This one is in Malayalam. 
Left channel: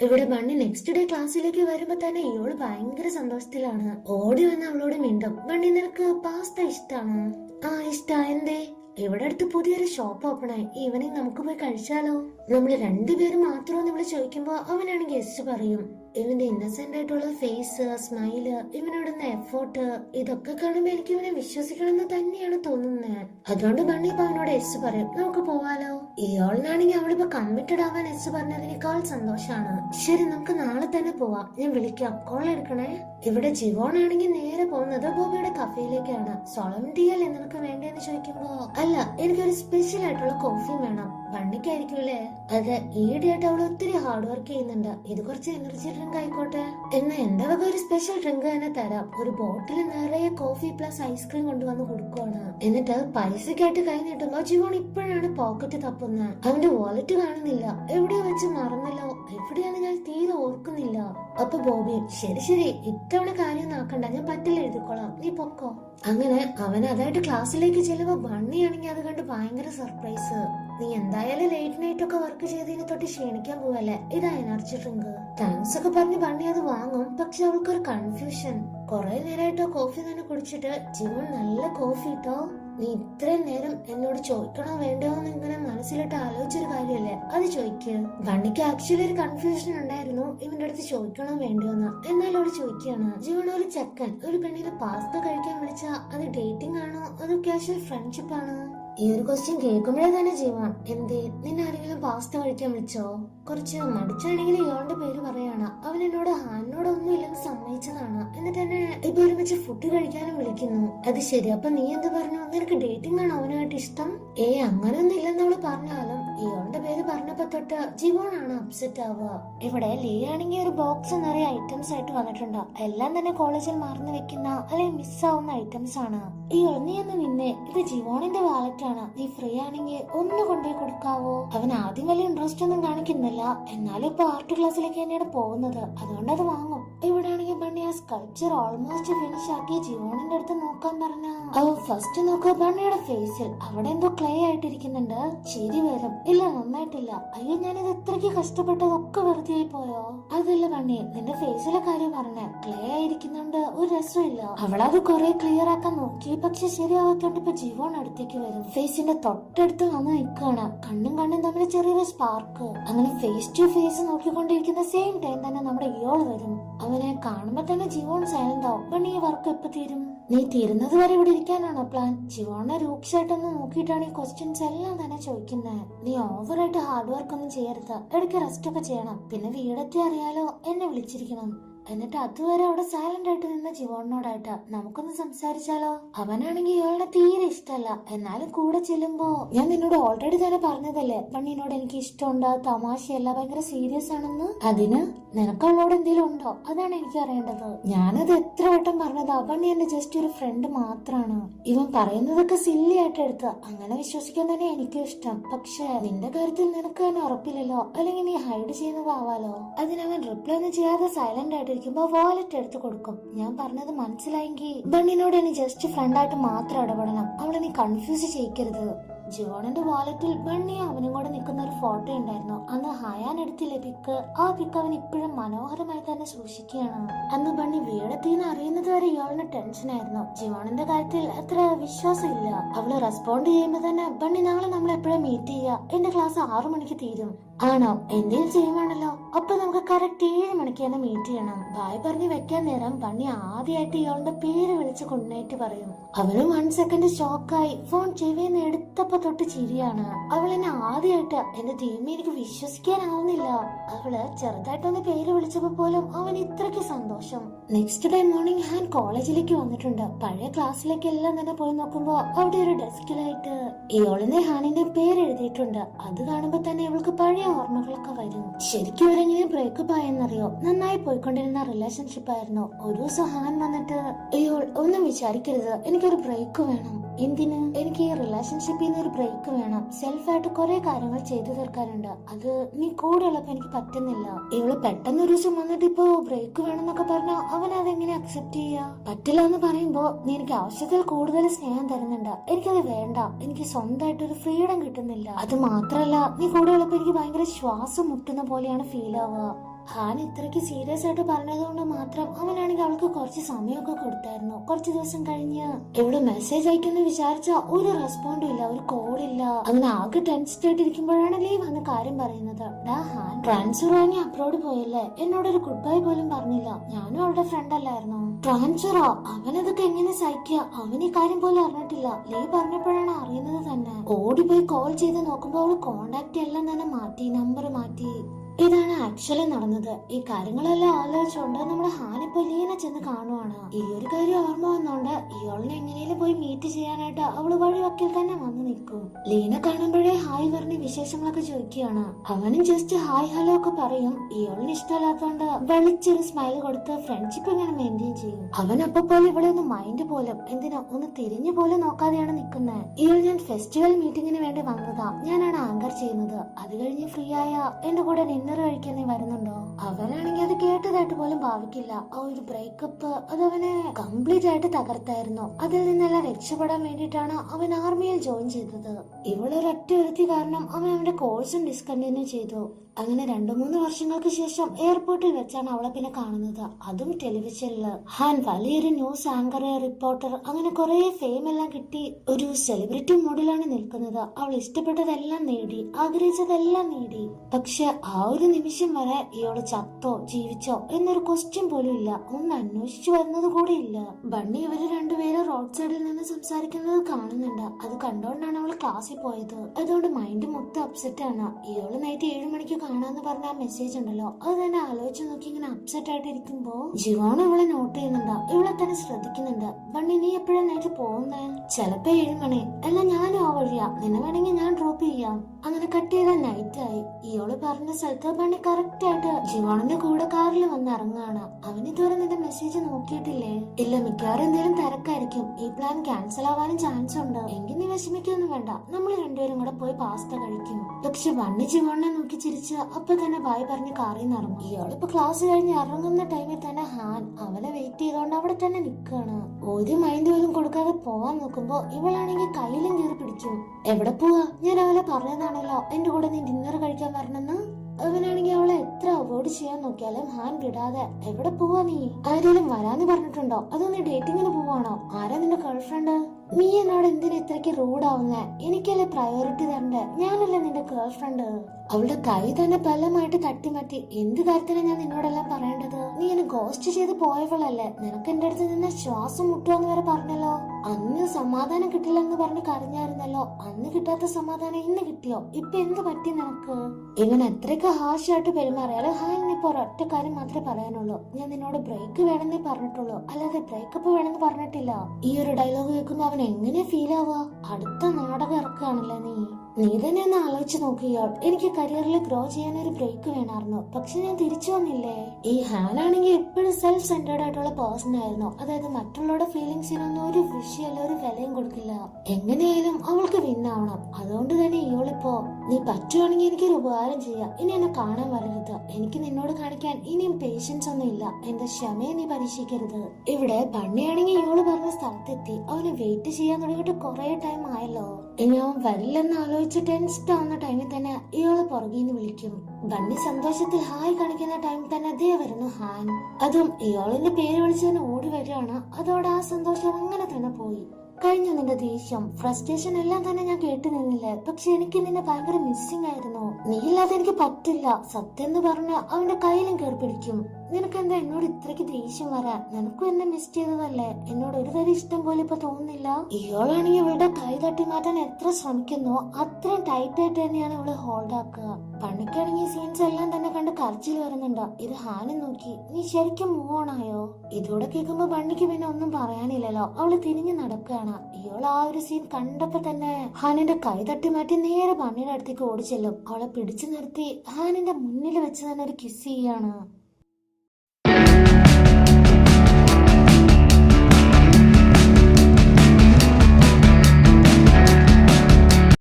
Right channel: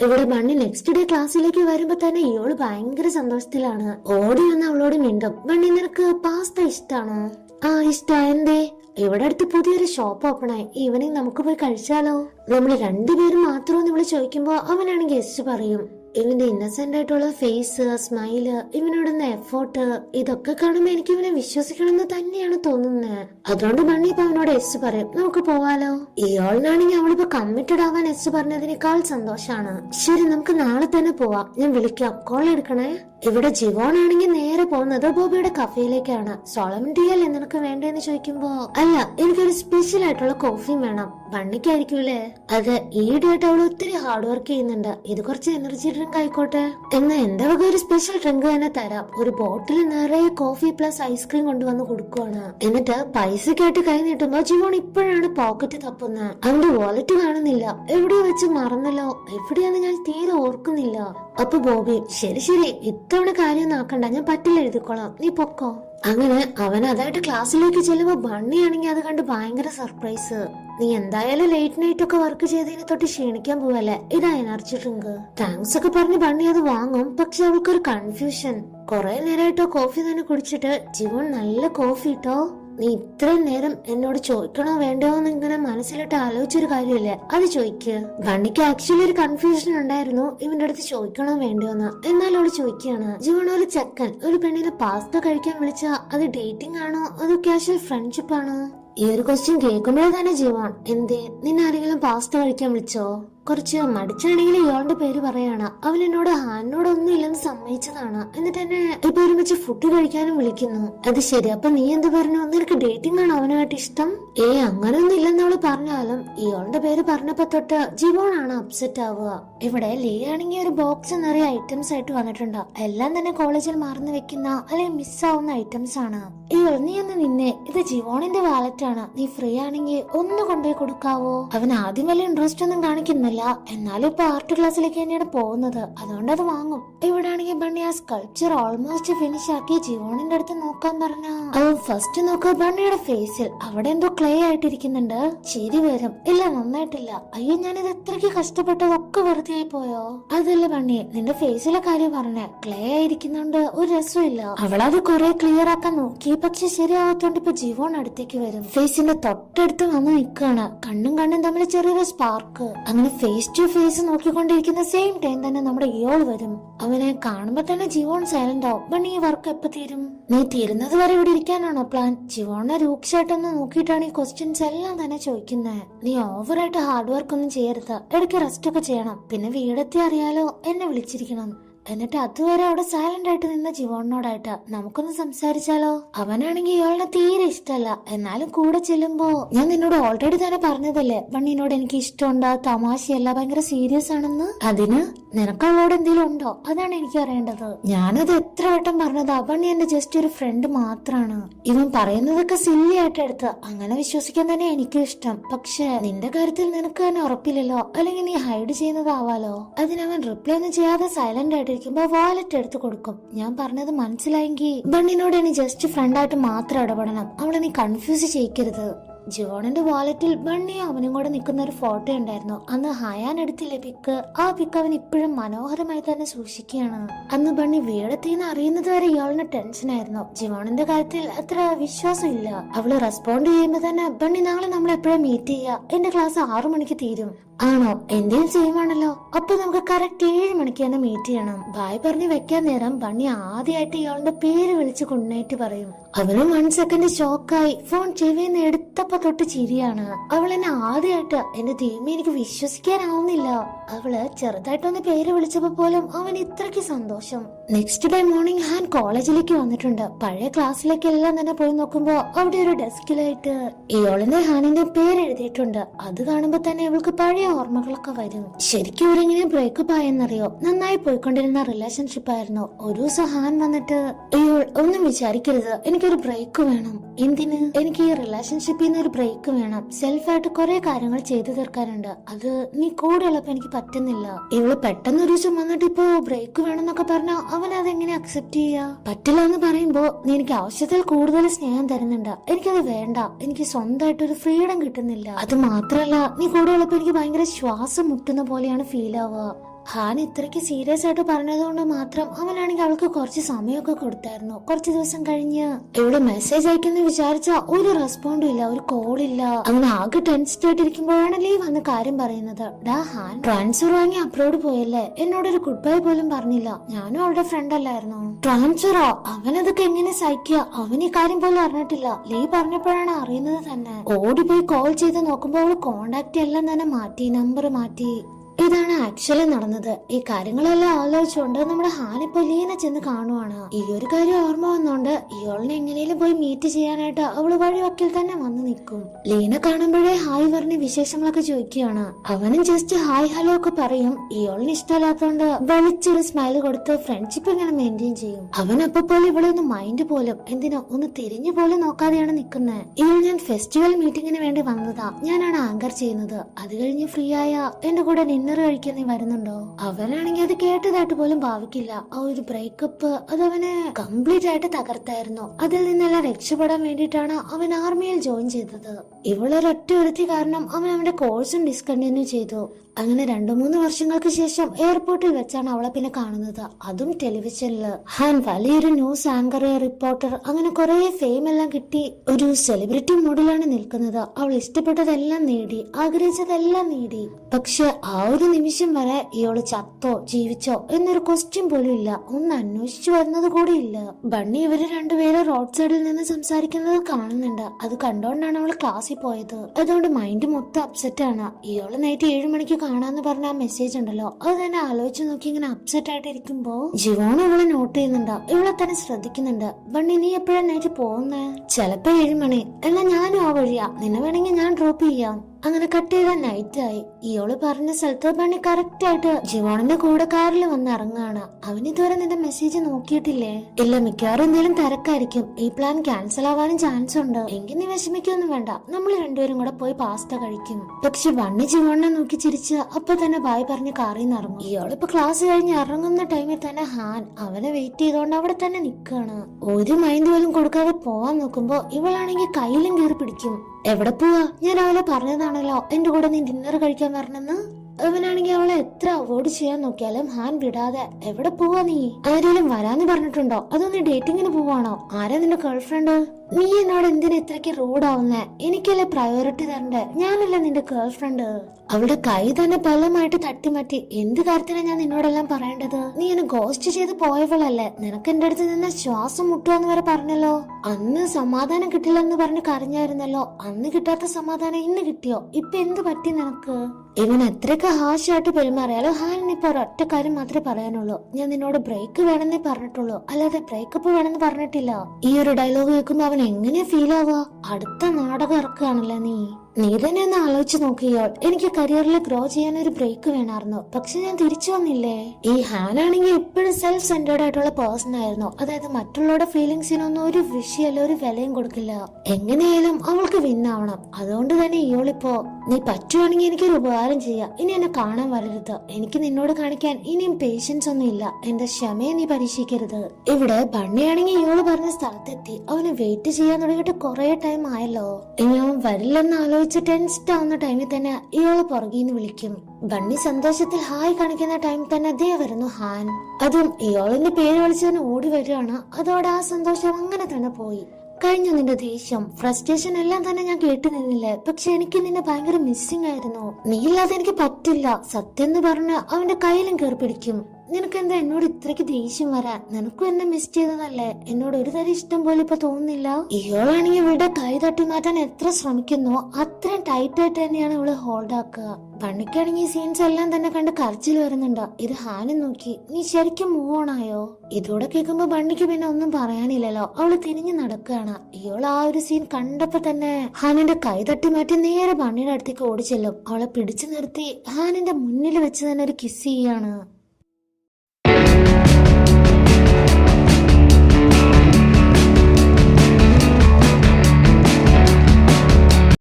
ഇവിടെ ബണ്ണി നെക്സ്റ്റ് ഡേ ക്ലാസ്സിലേക്ക് വരുമ്പോ തന്നെ ഇവള് ഭയങ്കര സന്തോഷത്തിലാണ്. ഓടി വന്ന് അവളോട് മിണ്ടും, ബണ്ണി നിനക്ക് പാസ്ത ഇഷ്ടാണോ? ആ ഇഷ്ടാ, എന്തേ? ഇവിടെ അടുത്ത് പുതിയൊരു ഷോപ്പ് ഓപ്പണായി, ഈവനിങ് നമുക്ക് പോയി കഴിച്ചാലോ? നമ്മള് രണ്ടുപേരും മാത്രമെന്ന് ഇവള് ചോദിക്കുമ്പോ അവനാണെങ്കിൽ യെസ് പറയും. ഇവന്റെ ഇന്നസെന്റ് ആയിട്ടുള്ള ഫേസ്, സ്മൈല്, ഇവനോടുന്ന എഫോർട്ട്, ഇതൊക്കെ കാണുമ്പോ എനിക്ക് ഇവനെ വിശ്വസിക്കണമെന്ന് തന്നെയാണ് തോന്നുന്നത്. അതുകൊണ്ട് ബണ്ണി ഇപ്പൊ അവനോട് എസ് പറയും, നമുക്ക് പോവാലോ? ഇയാളിനാണെങ്കിൽ അവളിപ്പോ കമ്മിറ്റഡ് ആവാൻ എസ് പറഞ്ഞതിനേക്കാൾ സന്തോഷാണ്. ശരി, നമുക്ക് നാളെ തന്നെ പോവാം, ഞാൻ വിളിക്കാം, കോൾ എടുക്കണേ. ഇവിടെ ജിവോൺ ആണെങ്കിൽ നേരെ പോകുന്നത് ബോബിയുടെ കഫേയിലേക്കാണ്. സോളമൻ ടീ അല്ലേ നിനക്ക് വേണ്ടേന്ന് ചോദിക്കുമ്പോ, അല്ല എനിക്കൊരു സ്പെഷ്യൽ ആയിട്ടുള്ള കോഫിയും വേണം. ബണ്ണിക്കായിരിക്കൂലേ? അതെ, ഈയിടെയായിട്ട് അവൾ ഒത്തിരി ഹാർഡ് വർക്ക് ചെയ്യുന്നുണ്ട്, ഇത് കുറച്ച് എനർജി ഡ്രിങ്ക് ആയിക്കോട്ടെ. എന്നാ എന്റെ വക ഒരു സ്പെഷ്യൽ ഡ്രിങ്ക് തന്നെ തരാം. ഒരു ബോട്ടിൽ നിറയെ കോഫി പ്ലസ് ഐസ്ക്രീം കൊണ്ടുവന്ന് കൊടുക്കുവാണ്. എന്നിട്ട് പൈസക്കായിട്ട് കൈ നീട്ടുമ്പോ ജിവോൺ ഇപ്പോഴാണ് പോക്കറ്റ് തപ്പുന്നത്. അവന്റെ വാലറ്റ് കാണുന്നില്ല, എവിടെയോ വെച്ച് മറന്നല്ലോ, എവിടെയാന്ന് ഞാൻ തീരെ ഓർക്കുന്നില്ല. അപ്പൊ ബോബി, ശരി ശരി, ഇത്തവണ കാര്യം നോക്കണ്ട, ഞാൻ പറ്റില്ല എഴുതിക്കോളാം, നീ പൊക്കോ. അങ്ങനെ അവൻ അതായിട്ട് ക്ലാസ്സിലേക്ക് ചെല്ലുമ്പോ ബണ്ണിയാണെങ്കിൽ അത് കണ്ട് ഭയങ്കര സർപ്രൈസ്. നീ എന്തായാലും ലേറ്റ് നൈറ്റ് ഒക്കെ വർക്ക് ചെയ്തതിന് തൊട്ട് ക്ഷീണിക്കാൻ പോവല്ലേ, ഇതാ എനർജി ഡ്രിങ്ക്. താങ്ക്സ് ഒക്കെ പറഞ്ഞ് ബണ്ണി അത് വാങ്ങും. പക്ഷെ അവൾക്കൊരു കൺഫ്യൂഷൻ. കുറെ നേരമായിട്ടോ കോഫി തന്നെ കുടിച്ചിട്ട്, ജിവോൺ നല്ല കോഫി ഇട്ടോ, നീ ഇത്രയും നേരം എന്നോട് ചോദിക്കണോ വേണ്ടോ എന്ന് ഇങ്ങനെ മനസ്സിലിട്ട് ആലോചിച്ചൊരു കാര്യമില്ലേ, അത് ചോദിക്ക്. ബണ്ണിക്ക് ആക്ച്വലി ഒരു കൺഫ്യൂഷൻ ഉണ്ടായിരുന്നു ഇവന്റെ അടുത്ത് ചോദിക്കണോ വേണ്ടോന്ന്. എന്നാൽ അവള് ചോദിക്കുകയാണ്, ജിവോൺ ഒരു ചെക്കൻ ഒരു പെണ്ണിനെ പാസ്ത കഴിക്കാൻ വിളിച്ചാ അത് ഡേറ്റിംഗ് ആണോ അതോ കാഷ്വൽ ഫ്രണ്ട്ഷിപ്പ് ആണോ? ഈ ഒരു ക്വസ്റ്റ്യൻ കേൾക്കുമ്പോഴേ തന്നെ ജിവോൺ, എന്തേ നിന്നെ ആരെങ്കിലും പാസ്ത കഴിക്കാൻ വിളിച്ചോ? കുറച്ച് മടിച്ചാണെങ്കിൽ ഇയാളുടെ പേര് പറയാണ്. അവൻ എന്നോട് ഹാനോട് ഒന്നും ഇല്ലെന്ന് സമ്മതിച്ചതാണ്. എന്നിട്ട് എന്നെ ഇപ്പൊ ഒരുമിച്ച് ഫുഡ് കഴിക്കാനും വിളിക്കുന്നു. അത് ശരി, അപ്പൊ നീ എന്ത് പറഞ്ഞു? നിനക്ക് ഡേറ്റിംഗ് ആണ് അവനുമായിട്ട് ഇഷ്ടം? അങ്ങനെയൊന്നും ഇല്ലെന്ന് അവള് പറഞ്ഞാലും ഇയാളുടെ പേര് പറഞ്ഞപ്പോ തൊട്ട് ജിവോൺ ആണ് അപ്സെറ്റ് ആവുക. ഇവിടെ ലീ ആണെങ്കിൽ ഒരു ബോക്സ് നിറയെ ഐറ്റംസ് ആയിട്ട് വന്നിട്ടുണ്ട്. എല്ലാം തന്നെ കോളേജിൽ മറന്നു വെക്കുന്ന അല്ലെങ്കിൽ മിസ്സാവുന്ന ഐറ്റംസ് ആണ്. നീ ഒന്ന് നിന്നെ, ഇത് ജിവോണിന്റെ വാലറ്റ് ആണ്, നീ ഫ്രീ ആണെങ്കിൽ ഒന്ന് കൊണ്ടുപോയി കൊടുക്കാവോ? അവൻ ആദ്യം വലിയ ഇൻട്രസ്റ്റ് ഒന്നും കാണിക്കുന്നില്ല, എന്നാലും ഇപ്പൊ ആർട്ട് ക്ലാസ്സിലേക്ക് തന്നെയാണ് പോകുന്നത്, അതുകൊണ്ട് അത് വാങ്ങും. ഇവിടെ ആണെങ്കിൽ ബണ്ണി ആ സ്കൾപ്ചർ ഓൾമോസ്റ്റ് ഫിനിഷ് ആക്കി ജിവോണിന്റെ അടുത്ത് നോക്കാൻ പറഞ്ഞ അവൻ ഫസ്റ്റ് നോക്കുക ബണ്ണിയുടെ ഫേസിൽ അവിടെ എന്തോ ക്ലേ ആയിട്ടിരിക്കുന്നുണ്ട്. ചിരി വരും, ഇല്ല നന്നായിട്ടില്ല, അയ്യോ ഞാനിത് എത്രയ്ക്ക് കഷ്ടപ്പെട്ടതൊക്കെ വെറുതെ ആയി പോയോ? അതല്ല ബണ്ണി, നിന്റെ ഫേസിലെ കാര്യം പറഞ്ഞ ക്ലേ ആയിരിക്കുന്നുണ്ട്, ഒരു രസമില്ല. അവളത് കുറെ ക്ലിയർ ആക്കാൻ നോക്കി, പക്ഷെ ശരിയാവാത്തോണ്ട് ഇപ്പൊ ജിവോൺ അടുത്തേക്ക് വരും. ഫേസിന്റെ തൊട്ടടുത്ത് വന്ന് നിൽക്കുകയാണ്, കണ്ണും കണ്ണും തമ്മിൽ ചെറിയൊരു സ്പാർക്ക്. അങ്ങനെ ഫേസ് ടു ഫേസ് നോക്കിക്കൊണ്ടിരിക്കുന്ന സെയിം ടൈം തന്നെ നമ്മുടെ ഇയോൾ വരും. അവനെ കാണുമ്പോ തന്നെ ജിവോൺ സൈലന്റ് ആവും. ബണ്ണി ഈ വർക്ക് എപ്പോ തീരും? നീ തീരുന്നത് വരെ ഇവിടെ ഇരിക്കാനാണോ പ്ലാൻ? ജിവോണിനെ രൂക്ഷായിട്ടൊന്ന് നോക്കിയിട്ടാണ് ഈ ക്വസ്റ്റ്യൻസ് എല്ലാം തന്നെ ചോദിക്കുന്നത്. നീ ഓവറായിട്ട് ഹാർഡ് വർക്ക് ഒന്നും ചെയ്യരുത്, ഇടയ്ക്ക് റെസ്റ്റ് ഒക്കെ ചെയ്യണം, പിന്നെ വീടെത്തി അറിയാലോ എന്നെ വിളിച്ചിരിക്കണം. എന്നിട്ട് അതുവരെ അവിടെ സൈലന്റ് ആയിട്ട് നിന്ന ജിവോണിനോടായിട്ട് നമുക്കൊന്ന് സംസാരിച്ചാലോ? അവനാണെങ്കിൽ ഇയാളുടെ തീരെ ഇഷ്ടമല്ല, എന്നാലും കൂടെ ചെല്ലുമ്പോ, ഞാൻ നിന്നോട് ഓൾറെഡി തന്നെ പറഞ്ഞതല്ലേ ബണ്ണിനോട് എനിക്ക് ഇഷ്ടമുണ്ട്, തമാശയല്ല, ഭയങ്കര സീരിയസ് ആണെന്ന്. അതിന് നിനക്ക് അവളോട് എന്തെങ്കിലും ഉണ്ടോ? അതാണ് എനിക്ക് അറിയേണ്ടത്. ഞാനത് എത്ര വട്ടം പറഞ്ഞതാ, ബണ്ണി എന്റെ ജസ്റ്റ് ഒരു ഫ്രണ്ട് മാത്രാണ്. ഇവൻ പറയുന്നതൊക്കെ സില്ലി ആയിട്ട് എടുത്ത് അങ്ങനെ വിശ്വസിക്കാൻ തന്നെ എനിക്ക് ഇഷ്ടം. പക്ഷെ നിന്റെ കാര്യത്തിൽ നിനക്ക് തന്നെ ഉറപ്പില്ലല്ലോ, അല്ലെങ്കിൽ നീ ഹൈഡ് ചെയ്യുന്നതാവാലോ. അതിനവൻ റിപ്ലൈ ഒന്നും ചെയ്യാതെ സൈലന്റ് ആയിട്ട് വാലറ്റ് എടുത്ത് കൊടുക്കും. ഞാൻ പറഞ്ഞത് മനസ്സിലായെങ്കിൽ ബണ്ണിനോട് ഇനി ജസ്റ്റ് ഫ്രണ്ടായിട്ട് മാത്രം ഇടപെടണം, അവളെ നീ കൺഫ്യൂസ് ചെയ്യിക്കരുത്. ജോണിന്റെ വാലറ്റിൽ ബണ്ണിയും അവനും കൂടെ നിൽക്കുന്ന ഒരു ഫോട്ടോ ഉണ്ടായിരുന്നു. അന്ന് ഹയാൻ എടുത്തില്ല പിക്ക്. ആ പിക്ക് അവൻ ഇപ്പോഴും മനോഹരമായി തന്നെ സൂക്ഷിക്കുകയാണ്. അന്ന് ബണ്ണി വീടെത്തിന്ന് അറിയുന്നത് വരെ ഇയാളിന് ടെൻഷൻ ആയിരുന്നു. ജിവോണിന്റെ കാര്യത്തിൽ അത്ര വിശ്വാസം ഇല്ല. അവള് റെസ്പോണ്ട് ചെയ്യുമ്പോ തന്നെ, ബണ്ണി നാളെ നമ്മൾ എപ്പോഴും മീറ്റ് ചെയ്യാ, എന്റെ ക്ലാസ് 6 മണിക്ക് തീരും. ആണോ? എന്റെയും സെയിം ആണല്ലോ, അപ്പൊ നമുക്ക് കറക്റ്റ് 7 മണിക്ക് തന്നെ മീറ്റ് ചെയ്യണം. ബായ് പറഞ്ഞ് വെക്കാൻ നേരം ബണ്ണി ആദ്യമായിട്ട് ഇയാളുടെ പേര് വിളിച്ച് ഗുഡ് നൈറ്റ് പറയും. അവനും 1 സെക്കൻഡ് ഷോക്കായി ഫോൺ ചെവിന്ന് എടുത്തപ്പോ തൊട്ട് ചിരിയാണ്. അവൾ എന്നെ ആദ്യമായിട്ട്, എന്റെ ദൈവമേ എനിക്ക് വിശ്വസിക്കാനാവുന്നില്ല. അവള് ചെറുതായിട്ടൊന്ന് പേര് വിളിച്ചപ്പോ പോലും അവൻ ഇത്രയ്ക്ക് സന്തോഷം. നെക്സ്റ്റ് ഡേ മോർണിംഗ് ഹാൻ കോളേജിലേക്ക് വന്നിട്ടുണ്ട്. പഴയ ക്ലാസ്സിലേക്ക് എല്ലാം തന്നെ പോയി നോക്കുമ്പോ അവിടെ ഒരു ഡെസ്കിലായിട്ട് ഇയാളിന്റെ ഹാനിന്റെ പേര് എഴുതിയിട്ടുണ്ട്. അത് കാണുമ്പോ തന്നെ ഇവൾക്ക് പഴയ ഓർമ്മകളൊക്കെ വരും. ശരിക്കും ഇവരെങ്ങനെ ബ്രേക്കപ്പ് ആയെന്നറിയോ? നന്നായി പോയിക്കൊണ്ടിരുന്ന റിലേഷൻഷിപ്പ് ആയിരുന്നു. ഒരു ദിവസം ഹാൻ വന്നിട്ട്, ഇയാൾ ഒന്നും വിചാരിക്കരുത്, എനിക്കൊരു ബ്രേക്ക് വേണം. എന്തിന്? എനിക്ക് ഈ റിലേഷൻഷിപ്പിൽ നിന്ന് ഒരു ബ്രേക്ക് വേണം. സെൽഫായിട്ട് കുറെ കാര്യങ്ങൾ ചെയ്തു തീർക്കാനുണ്ട്, അത് നീ കൂടെ ഉള്ളപ്പോ എനിക്ക് പറ്റുന്നില്ല. ഇവള് പെട്ടെന്ന് ഒരു ദിവസം വന്നിട്ട് ഇപ്പൊ ബ്രേക്ക് വേണമെന്നൊക്കെ പറഞ്ഞ അവൻ അതെങ്ങനെ അക്സെപ്റ്റ് ചെയ്യാ? പറ്റില്ല എന്ന് പറയുമ്പോ, നീ എനിക്ക് ആവശ്യത്തിൽ കൂടുതൽ സ്നേഹം തരുന്നുണ്ട്, എനിക്കത് വേണ്ട, എനിക്ക് സ്വന്തമായിട്ടൊരു ഫ്രീഡം കിട്ടുന്നില്ല. അത് മാത്രല്ല നീ കൂടെ ഉള്ളപ്പോ എനിക്ക് ഭയങ്കര ശ്വാസം മുട്ടുന്ന പോലെയാണ് ഫീൽ ആവുക. ഹാൻ ഇത്രയ്ക്ക് സീരിയസ് ആയിട്ട് പറഞ്ഞതുകൊണ്ട് മാത്രം അവനാണെങ്കിൽ അവൾക്ക് കുറച്ച് സമയമൊക്കെ കൊടുത്തായിരുന്നു. കുറച്ച് ദിവസം കഴിഞ്ഞ് ഇവിടെ മെസ്സേജ് അയക്കുന്ന വിചാരിച്ച ഒരു റെസ്പോണ്ടും ഇല്ല, ഒരു കോൾ ഇല്ല. അവൻ ആകെ ടെൻസ്ഡ് ആയിട്ടിരിക്കുമ്പോഴാണ് ലീ വന്ന് കാര്യം പറയുന്നത്. ഡാ ഹാൻ, ട്രാൻസ്ഫർ വാങ്ങി അബ്രോഡ് പോയല്ലേ, എന്നോടൊരു ഗുഡ് ബൈ പോലും പറഞ്ഞില്ല. ഞാനും അവളുടെ ഫ്രണ്ട് അല്ലായിരുന്നു. ട്രാൻസ്ഫറോ? അവനതൊക്കെ എങ്ങനെ സഹിക്കുക? അവൻ ഈ കാര്യം പോലും അറിഞ്ഞിട്ടില്ല. ലീ പറഞ്ഞപ്പോഴാണ് അറിയുന്നത് തന്നെ. ഓടിപ്പോയി കോൾ ചെയ്ത് നോക്കുമ്പോൾ അവള് കോണ്ടാക്ട് എല്ലാം തന്നെ മാറ്റി, നമ്പർ മാറ്റി. ഇതാണ് ആക്ച്വലി നടന്നത്. ഈ കാര്യങ്ങളെല്ലാം ആലോചിച്ചുകൊണ്ട് നമ്മുടെ ഹാനിപ്പോ ലീനെ ചെന്ന് കാണുവാണ്. ഈ ഒരു കാര്യം ഓർമ്മ വന്നോണ്ട് ഇയോളിനെ എങ്ങനെയും പോയി മീറ്റ് ചെയ്യാനായിട്ട് അവള് വഴിവക്കിൽ തന്നെ വന്നു നിൽക്കും. ലീന കാണുമ്പോഴേ ഹായ് പറഞ്ഞ് വിശേഷങ്ങളൊക്കെ ചോദിക്കുകയാണ്. അവനും ജസ്റ്റ് ഹായ് ഹലോ ഒക്കെ പറയും. ഇയോളിന് ഇഷ്ടമല്ലാത്തോണ്ട് വലിച്ചൊരു സ്മൈൽ കൊടുത്ത് ഫ്രണ്ട്ഷിപ്പ് ഇങ്ങനെ മെയിൻറ്റെയിൻ ചെയ്യും. അവൻ അപ്പൊ പോലെ ഇവിടെ ഒന്ന് മൈൻഡ് പോലും എന്തിനോ ഒന്ന് തിരിഞ്ഞു പോലും നോക്കാതെയാണ് നിൽക്കുന്നത്. ഇയോൾ, ഞാൻ ഫെസ്റ്റിവൽ മീറ്റിംഗിന് വേണ്ടി വന്നതാ, ഞാനാണ് ആങ്കർ ചെയ്യുന്നത്. അത് കഴിഞ്ഞ് ഫ്രീ ആയ എന്റെ കൂടെ ഡിന്നർ കഴിക്കാൻ നീ വരുന്നുണ്ടോ? അവനാണെങ്കിൽ അത് കേട്ടതായിട്ട് പോലും ഭാവിക്കില്ല. ആ ഒരു ബ്രേക്കപ്പ് അതവനെ കംപ്ലീറ്റ് ആയിട്ട് തകർത്തായിരുന്നു. അതിൽ നിന്നെല്ലാം രക്ഷപ്പെടാൻ വേണ്ടിയിട്ടാണ് അവൻ ആർമിയിൽ ജോയിൻ ചെയ്തത്. ഇവളൊരൊറ്റ ഒരുത്തി കാരണം അവൻ അവന്റെ കോഴ്സും ഡിസ്കണ്ടിന്യൂ ചെയ്തു. അങ്ങനെ 2-3 വർഷങ്ങൾക്ക് ശേഷം എയർപോർട്ടിൽ വെച്ചാണ് അവളെ പിന്നെ കാണുന്നത്, അതും ടെലിവിഷനില്. ഹാൻ വലിയൊരു ന്യൂസ് ആങ്കർ, റിപ്പോർട്ടർ, അങ്ങനെ കുറെ ഫെയിം എല്ലാം കിട്ടി ഒരു സെലിബ്രിറ്റി മോഡലാണ് നിൽക്കുന്നത്. അവൾ ഇഷ്ടപ്പെട്ടതെല്ലാം നേടി, ആഗ്രഹിച്ചതെല്ലാം നേടി. പക്ഷെ ആ ഒരു നിമിഷം വരെ ഇയാള് ചത്തോ ജീവിച്ചോ എന്നൊരു ക്വസ്റ്റ്യൻ പോലും ഇല്ല, ഒന്ന് അന്വേഷിച്ചു വരുന്നത് കൂടി ഇല്ല. ബണ്ണി ഇവര് രണ്ടുപേരും റോഡ് സൈഡിൽ നിന്ന് സംസാരിക്കുന്നത് കാണുന്നുണ്ട്. അത് കണ്ടോണ്ടാണ് അവൾ ക്ലാസ്സിൽ പോയത്. അതുകൊണ്ട് മൈൻഡ് മൊത്തം അപ്സെറ്റ് ആണ്. ഇയാള് നൈറ്റ് 7 മണിക്ക് കാണാന്ന് പറഞ്ഞ ആ മെസ്സേജ് ഉണ്ടല്ലോ, അത് തന്നെ ആലോചിച്ച് നോക്കി ഇങ്ങനെ അപ്സെറ്റ് ആയിട്ട് ഇരിക്കുമ്പോ ജിവോൺ ഇവളെ നോട്ട് ചെയ്യുന്നുണ്ട്, ഇവളെ തന്നെ ശ്രദ്ധിക്കുന്നുണ്ട്. ബണ്ണി, നീ എപ്പോഴാ നൈറ്റ് പോകുന്നേ? ചിലപ്പോ 7 മണി. എന്നാ ഞാനും ആ വഴിയാ, നിന്നെ വേണമെങ്കിൽ ഞാൻ ഡ്രോപ്പ് ചെയ്യാം. അങ്ങനെ കട്ട് ചെയ്ത നൈറ്റ് ആയി. ഇയോള് പറഞ്ഞ സ്ഥലത്ത് ബണ്ണി കറക്റ്റ് ആയിട്ട് ജിവോണിന്റെ കൂടെ കാറിൽ വന്ന് ഇറങ്ങാണ്. അവൻ ഇതുവരെ നിന്റെ മെസ്സേജ് നോക്കിയിട്ടില്ലേ? ഇല്ല, മിക്കവാറും എന്തെങ്കിലും തിരക്കായിരിക്കും. ഈ പ്ലാൻ ക്യാൻസൽ ആവാനും ചാൻസ് ഉണ്ട്. എങ്കിൽ നീ വിഷമിക്കൊന്നും വേണ്ട, നമ്മൾ രണ്ടുപേരും കൂടെ പോയി പാസ്ത കഴിക്കും. പക്ഷെ ബണ്ണി ജിവോണിനെ നോക്കി ചിരിച്ച് അപ്പൊ തന്നെ ബായ് പറഞ്ഞ് കാറിൽ നിന്ന് ഇറങ്ങും. ഇയാളിപ്പോ ക്ലാസ് കഴിഞ്ഞ് ഇറങ്ങുന്ന ടൈമിൽ തന്നെ ഹാൻ അവനെ വെയിറ്റ് ചെയ്തോണ്ട് അവിടെ തന്നെ നിക്കാണ്. ഒരു മൈൻഡ് പോലും കൊടുക്കാതെ പോവാൻ നോക്കുമ്പോ ഇവളാണെങ്കിൽ കയ്യിലും കയറി പിടിക്കും. എവിടെ പോവാ? ഞാൻ അവളെ പറഞ്ഞതാണല്ലോ എന്റെ കൂടെ നീ ഡിന്നർ കഴിക്കാൻ വരണമെന്ന്. അവനാണെങ്കിൽ അവളെ എത്ര അവോയ്ഡ് ചെയ്യാൻ നോക്കിയാലും ഹാൻ വിടാതെ. എവിടെ പോവാ നീ? ആരെങ്കിലും വരാന്ന് പറഞ്ഞിട്ടുണ്ടോ? അതോ നീ ഡേറ്റിങ്ങിന് പോവാണോ? ആരാ നിന്റെ ഗേൾഫ്രണ്ട്? നീ എന്നോട് എന്തിനാ ഇത്രയ്ക്ക് റൂഡാവുന്നേ? എനിക്കല്ലേ പ്രയോറിറ്റി തരണ്ടേ? ഞാനല്ലേ നിന്റെ ഗേൾഫ്രണ്ട്. അവളുടെ കൈ തന്നെ ബലമായിട്ട് തട്ടിമാറ്റി. എന്ത് കാര്യത്തിനാ ഞാൻ നിന്നോടെല്ലാം പറയേണ്ടത്? നീ എന്നെ ഗോസ്റ്റ് ചെയ്ത് പോയവളല്ലേ? നിനക്ക് എന്റെ അടുത്ത് നിന്ന് ശ്വാസം മുട്ടുവെന്ന് വരെ പറഞ്ഞല്ലോ. അന്ന് സമാധാനം കിട്ടില്ലെന്ന് പറഞ്ഞ് കരഞ്ഞായിരുന്നല്ലോ. അന്ന് കിട്ടാത്ത സമാധാനം ഇന്ന് കിട്ടിയോ? ഇപ്പൊ എന്ത് പറ്റി നിനക്ക്? ഇവൻ എത്രയൊക്കെ ഹാഷായിട്ട് പെരുമാറിയാലോ ഹാനിന് ഇപ്പൊ ഒരൊറ്റ കാര്യം മാത്രമേ പറയാനുള്ളൂ. ഞാൻ നിന്നോട് ബ്രേക്ക് വേണമെന്നേ പറഞ്ഞിട്ടുള്ളൂ, അല്ലാതെ ബ്രേക്കപ്പ് വേണമെന്ന് പറഞ്ഞിട്ടില്ല. ഈ ഒരു ഡയലോഗ് കേൾക്കുമ്പോ അവൻ എങ്ങനെയാ ഫീൽ ആവുക? അടുത്ത നാടകം ഇറക്കുകയാണല്ലേ നീ തന്നെ ഒന്ന് ആലോചിച്ച് നോക്കിയോ. എനിക്ക് കരിയറിൽ ഗ്രോ ചെയ്യാൻ ഒരു ബ്രേക്ക് വേണമായിരുന്നു, പക്ഷെ ഞാൻ തിരിച്ചു വന്നില്ലേ. ഈ ഹാനാണെങ്കിൽ എപ്പോഴും സെൽഫ് സെന്റേർഡ് ആയിട്ടുള്ള പേഴ്സൺ ആയിരുന്നു. അതായത് മറ്റുള്ളവരുടെ ഫീലിംഗ്സിനൊന്നും ഒരു വിഷയമല്ല, ഒരു വിലയും കൊടുക്കില്ല. എങ്ങനെയായാലും അവൾക്ക് വിന്നാവണം. അതുകൊണ്ട് തന്നെ ഇയോളിപ്പോ നീ പറ്റുവാണെങ്കിൽ എനിക്കൊരു ഉപകാരം ചെയ്യാം. ഇനി എന്നെ കാണാൻ വരരുത്. എനിക്ക് നിന്നോട് കാണിക്കാൻ ഇനിയും പേഷ്യൻസ് ഒന്നും ഇല്ല. എന്റെ ക്ഷമയെ നീ പരീക്ഷിക്കരുത്. ഇവിടെ ബണ്ണിയാണെങ്കിൽ ഇയോള് പറഞ്ഞ സ്ഥലത്തെത്തി. അവന് വെയിറ്റ് ചെയ്യാൻ തുടങ്ങിയിട്ട് കുറെ ടൈം ആയല്ലോ. ഇനി അവൻ വരില്ലെന്ന് ആലോചിച്ച് ടെൻസ്ഡ് ആവുന്ന ടൈമിൽ തന്നെ ഇയാള് പുറകീന്ന് വിളിക്കും. ബണ്ണി സന്തോഷത്തിൽ ഹായ് കാണിക്കുന്ന ടൈം തന്നെ ദേ വരുന്നു ഹാൻ. അതും ഇയാളിന്റെ പേര് വിളിച്ചതിന് ഓടി വരികയാണ്. അതോടെ ആ സന്തോഷം അങ്ങനെ തന്നെ പോയി. കഴിഞ്ഞു നിന്റെ ദേഷ്യം, ഫ്രസ്ട്രേഷൻ എല്ലാം തന്നെ ഞാൻ കേട്ടു നിന്നില്ലേ. പക്ഷെ എനിക്ക് നിന്നെ ഭയങ്കര മിസ്സിംഗ് ആയിരുന്നു. നീ ഇല്ലാതെ എനിക്ക് പറ്റില്ല. സത്യം എന്ന് പറഞ്ഞ അവന്റെ കയ്യിലും കയറി പിടിക്കും. നിനക്ക് എന്താ എന്നോട് ഇത്രയ്ക്ക് ദേഷ്യം വരാൻ? നിനക്കും എന്നെ മിസ് ചെയ്തതല്ലേ? എന്നോട് ഒരു തരം ഇഷ്ടം പോലെ ഇപ്പൊ തോന്നുന്നില്ല. ഇയാളാണെങ്കിൽ ഇവളുടെ കൈ തട്ടി മാറ്റാൻ എത്ര ശ്രമിക്കുന്നോ അത്രയും ടൈറ്റ് ആയിട്ട് തന്നെയാണ് ഇവള് ഹോൾഡ് ആക്കുക. പണിക്കാണെങ്കിൽ ഈ സീൻസ് എല്ലാം തന്നെ കണ്ട് കരച്ചിൽ വരുന്നുണ്ട്. ഇത് ഹാനും നോക്കി. നീ ശരിക്കും മൂവ് ഓൺ ആയോ? ഇതോടെ കേൾക്കുമ്പോ ബണ്ണിക്ക് പിന്നെ ഒന്നും പറയാനില്ലല്ലോ. അവള് തിരിഞ്ഞു നടക്കുകയാണ്. ഇയാൾ ആ ഒരു സീൻ കണ്ടപ്പോ തന്നെ ഹാനിന്റെ കൈ തട്ടി മാറ്റി നേരെ ബണ്ണിയുടെ അടുത്തേക്ക് ഓടിച്ചെല്ലും. അവളെ പിടിച്ചു നിർത്തി ഹാനിന്റെ മുന്നിൽ വെച്ച് തന്നെ ഒരു കിസ് ചെയ്യാണ്.